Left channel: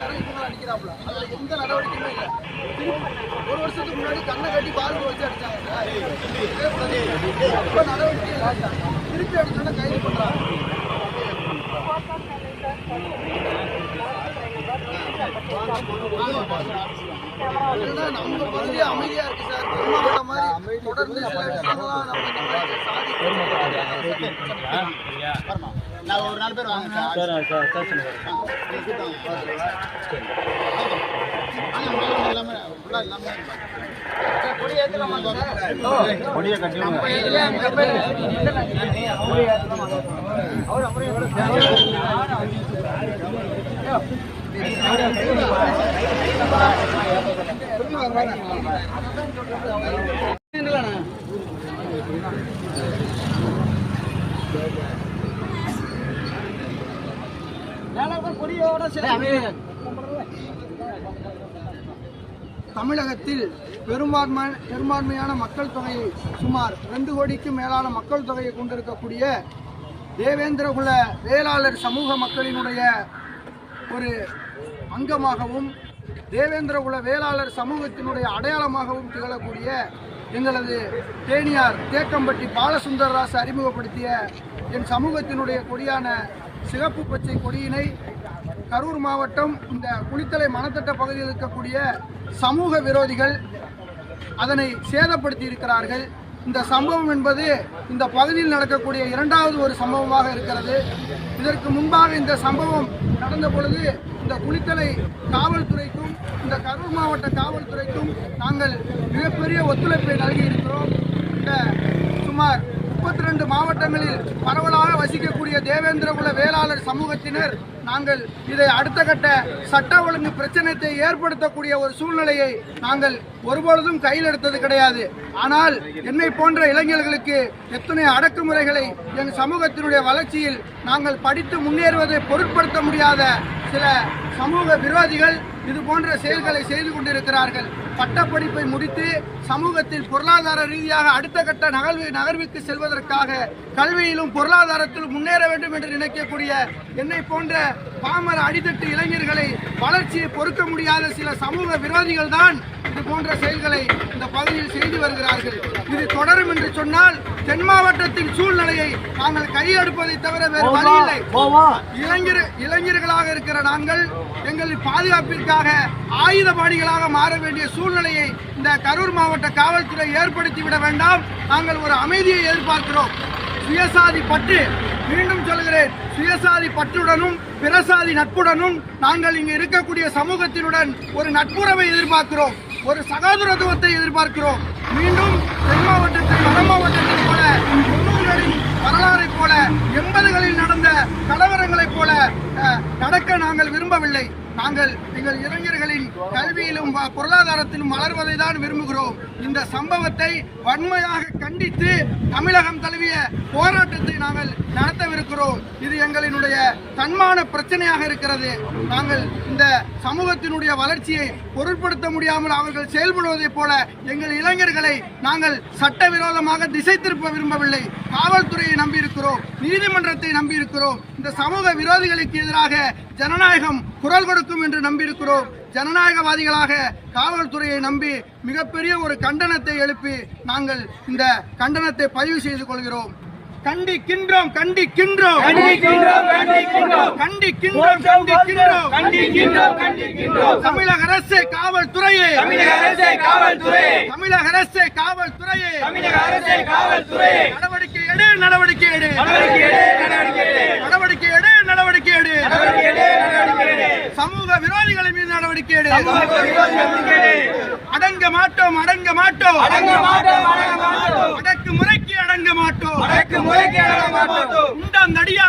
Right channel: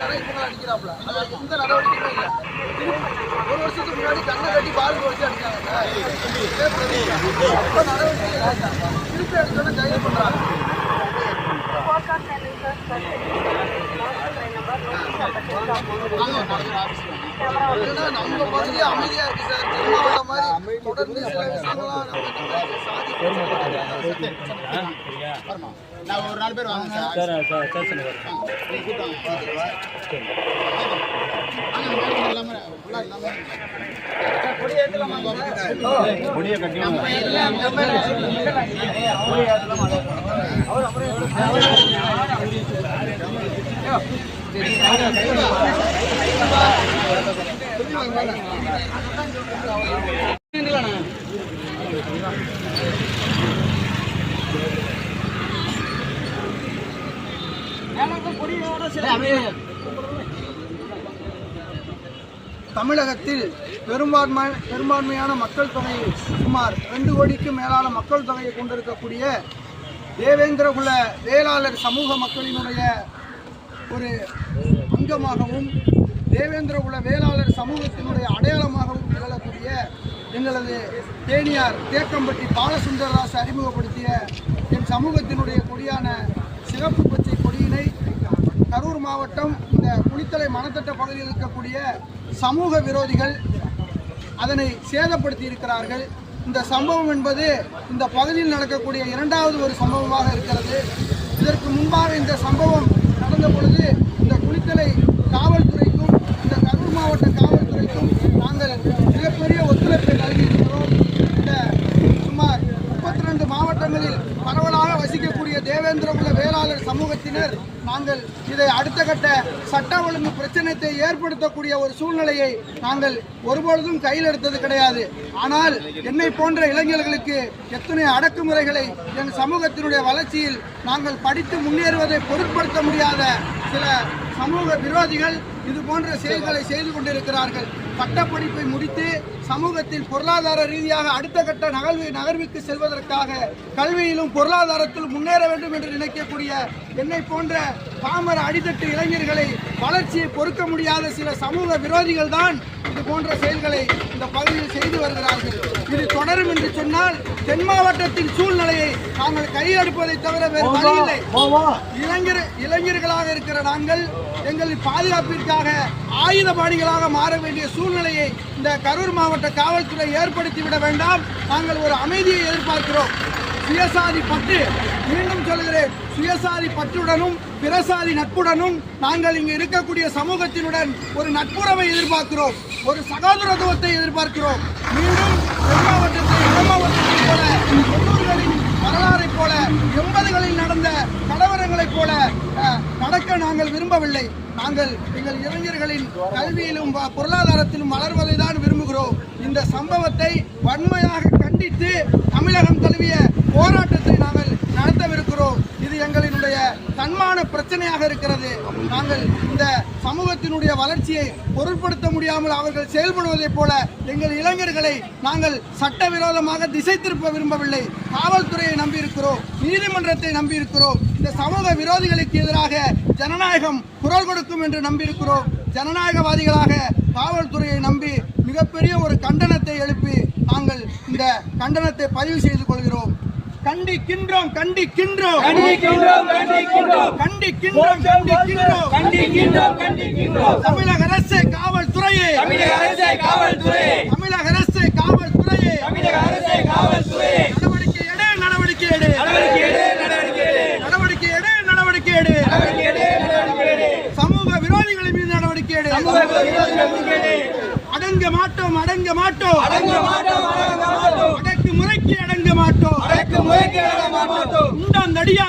இவங்களை அடிக்கிறாப்புல. அதுல எந்த நடவடிக்கையுமே இல்லை. ஒரு வருஷத்துக்கு முன்னாடி கண்ணை கட்டி பால் வச்சு அடிச்சாங்க நடவடிக்கை இல்ல. திருப்பி அடிச்சோன்னா கைது பண்றாங்க. நம்ம பகுதி அமைதியா இருக்கு சார் மாதிரி தொடர்ந்து சில விஷயங்கள்லாம் நம்ம இந்த மாதிரி சாதிக்கிறோம் நான் ஒரு நாலு பேர் வாங்க சார் சார் சார் எல்லாமே ஃபுல்லாக எல்லாமே கொடியை கட்டி தமிழகத்தில் பெரும்பான்மை பெரும்பான்மையான மக்கள் தொகை சுமார் ரெண்டு கோடிக்கும் மேலான மக்கள் தொகையை கொண்டிருக்கக்கூடிய தேவேந்திரகுல வேளாளர் சமூக மக்களினுடைய ஒரு அங்கமாகவும் தேவேந்திரகுல வேளாளர் சமூகத்தினுடைய அடையாளமாகவும் திகழக்கூடிய எங்களது தேனியார் தேக்கம்பட்டி பாலசுந்தரராசு அறிமுகப்படுத்திய என் சமூகத்தினுடைய கொடியான சிவப்பு பச்சை கொடியினை கரூர் மாவட்டம் இந்த குளித்தலை மணத்தட்ட பகுதியில் இருக்கக்கூடிய சமூக விரோதிகள் அதனை சேதப்படுத்தி இருக்கிறார்கள். இந்த சம்பவம் என்பது இந்த பகுதியில் நடக்கக்கூடிய இரண்டாவது ஒரு சம்பவமாக இருக்கிறது. இதற்கு முன்பாக இந்த சம்பவம் நடந்த பொழுது இந்த குளித்தலை காவல்துறைக்கும் இந்த கரூர் மாவட்ட காவல்துறைக்கும் நாங்கள் மிகப்பெரிய ஒத்துழைப்பை நல்கியிருக்கிறோம் இருக்கிறோம் இந்த சுமார் முப்பத்தி ரெண்டு மாவட்டங்களில் பரவலாக வசிக்கக்கூடிய தேவேந்திரகுல வேளாளர் சமூகத்தினர் நாங்கள் இதை அடுத்த கட்ட சட்ட ஒழுங்கு பிரச்சனையை ஏற்படுத்தக்கூடிய ஒரு சூழ்நிலையை நாங்கள் ஒருபொழுதும் கையில் எடுத்தது கிடையாது. ஆனால் என்னை போன்ற இளைஞர்களுக்கு எத்தனை அடக்குமுறைகளை என் சமூகத்தினுடைய வளர்ச்சியில் நாங்கள் படித்து முன்னேறுவதை பொருட்படுத்த முடியாத சில சமூக விரோதிகள் இது போன்ற செயல்களை செய்து கொண்டிருக்கிறார்கள். பட்டப்படிப்பை முடித்து சமூகத்தில் பொருளாதார ரீதியாக அடுத்த கட்ட நகர்வு நகர்வுக்கு செல்வதற்காக கல்வியிலும் பொருளாதாரத்திலும் முன்னேற வேண்டும் என்று நினைக்கக்கூடிய என்னை போன்ற பாமர அடித்தட்டு இளைஞர்களை வளர்ச்சியை பொறுக்க முடியாத சில சமூக விரோதிகள் தான் இது போன்ற செயல்களை இந்த பகுதியில் செய்து வருகிறார்கள். இது தொடரும் என்று சொன்னால் தென் மாவட்டத்தின் சூழ்நிலையை நாங்கள் கையெடுப்பதை தவிர வேறு வழி இல்லை இளைஞர் இளைஞர்களாக இருக்கிற நாங்கள் எங்களின் பாதுகாப்பிற்காக ஆயுதபாணிகளாக மாற வேண்டிய சூழ்நிலையை இந்த கரூர் மாவட்ட காவல்துறை ஏற்படுத்திவிட வேண்டாம். நாங்கள் ஒரு அமைதியை எதிர்பார்க்கிறோம். சுயசாதி பட்டு மீண்டும் சொல்கிறேன் சுயசாதி பற்றுடனும் பிறசாதி நட்புடனும் நாங்கள் இங்கு இருக்கக்கூடிய சமூகத்தினுடன் ஒரு நட்புறவை எதிர்பார்க்கிறோம் ஒரு சகோதரத்துவத்தை எதிர்பார்க்கிறோம். மீண்டும் தென் மாவட்டத்தில் வட மாவட்டத்தைப் போல தொண்ணூறுகளின் வரலாறைப் போல எண்பதுகளில் நடந்த கலவரங்களைப் போல நடக்க நாங்கள் விரும்பவில்லை. நாங்கள் எங்கள் இளைஞர்களின் கல்வியிலும் வ- பொருளாதாரத்திலும் வளர்வதை தான் விரும்புகிறோம். இந்த சம்பவத்தை வன்மையாக கண்டித்து தமிழகம் தழுவிய போராட்டத்தை நாங்கள் நடத்தவிருக்கிறோம். இது எங்களினுடைய தன்மான பிரச்சனையாக இருக்கிறது. நாங்கள் இந்த சமூகத்தினுடைய வளர்ச்சியை பொருட்படுத்த முடியாமல் அவர்கள் செயல்படுவதைப் போல எங்கள் இளைஞர்களை நாங்கள் சட்டவிரோதமாக திசை திருப்ப விரும்பவில்லை. காவல்துறையை நம்பியிருக்கிறோம். நீதிமன்றத்தை நம்பியிருக்கிறோம். இந்த சமூக விரோதிகளுக்கு எதிராக ஜனநாயகம் குரல் கொடுக்கும் என்று நம்பியிருக்கிறோம். ஜனநாயகவாதிகளாக காவல்துறையை நம்பி மிகப்பெரிய ஒரு கண்டனத்தை எழுப்பி நாங்கள் இந்த கண்டனத்தை பதிவு செய்து கொள்கிறோம். கண்டிக்கின்றோம் கண்டிக்கின்றோம். கண்டிக்கின்றோம் கண்டிக்கின்றோம். கண்டிக்கின்றோம் கண்டிக்கின்றோம். கண்டிக்கின்றோம் கண்டிக்கின்றோம். தமிழக அரசு காவல்துறையே. தமிழக அரசே காவல்துறை தமிழக அரசு காவல்துறையே. தமிழக அரசே காவல்துறை நடவடிக்கை எடு நடவடிக்கை எடு. நடவடிக்கை எடு நடவடிக்கை எடு. நடவடிக்கை எடு நடவடிக்கை எடு. நடவடிக்கை எடு நடவடிக்கை எடு. சமூக விரோதிகளின் மீது நடவடிக்கை எடு. சமூக விரோதிகள் அடங்க மாட்டோம் அடங்க மாட்டோம். அடங்க மாட்டோம் அடங்க மாட்டோம். அடக்கு முறைக்கு அடங்க மாட்டோம். அடக்கு முறைக்கு அடங்க மாட்டோம். உண்டாந்தடியால்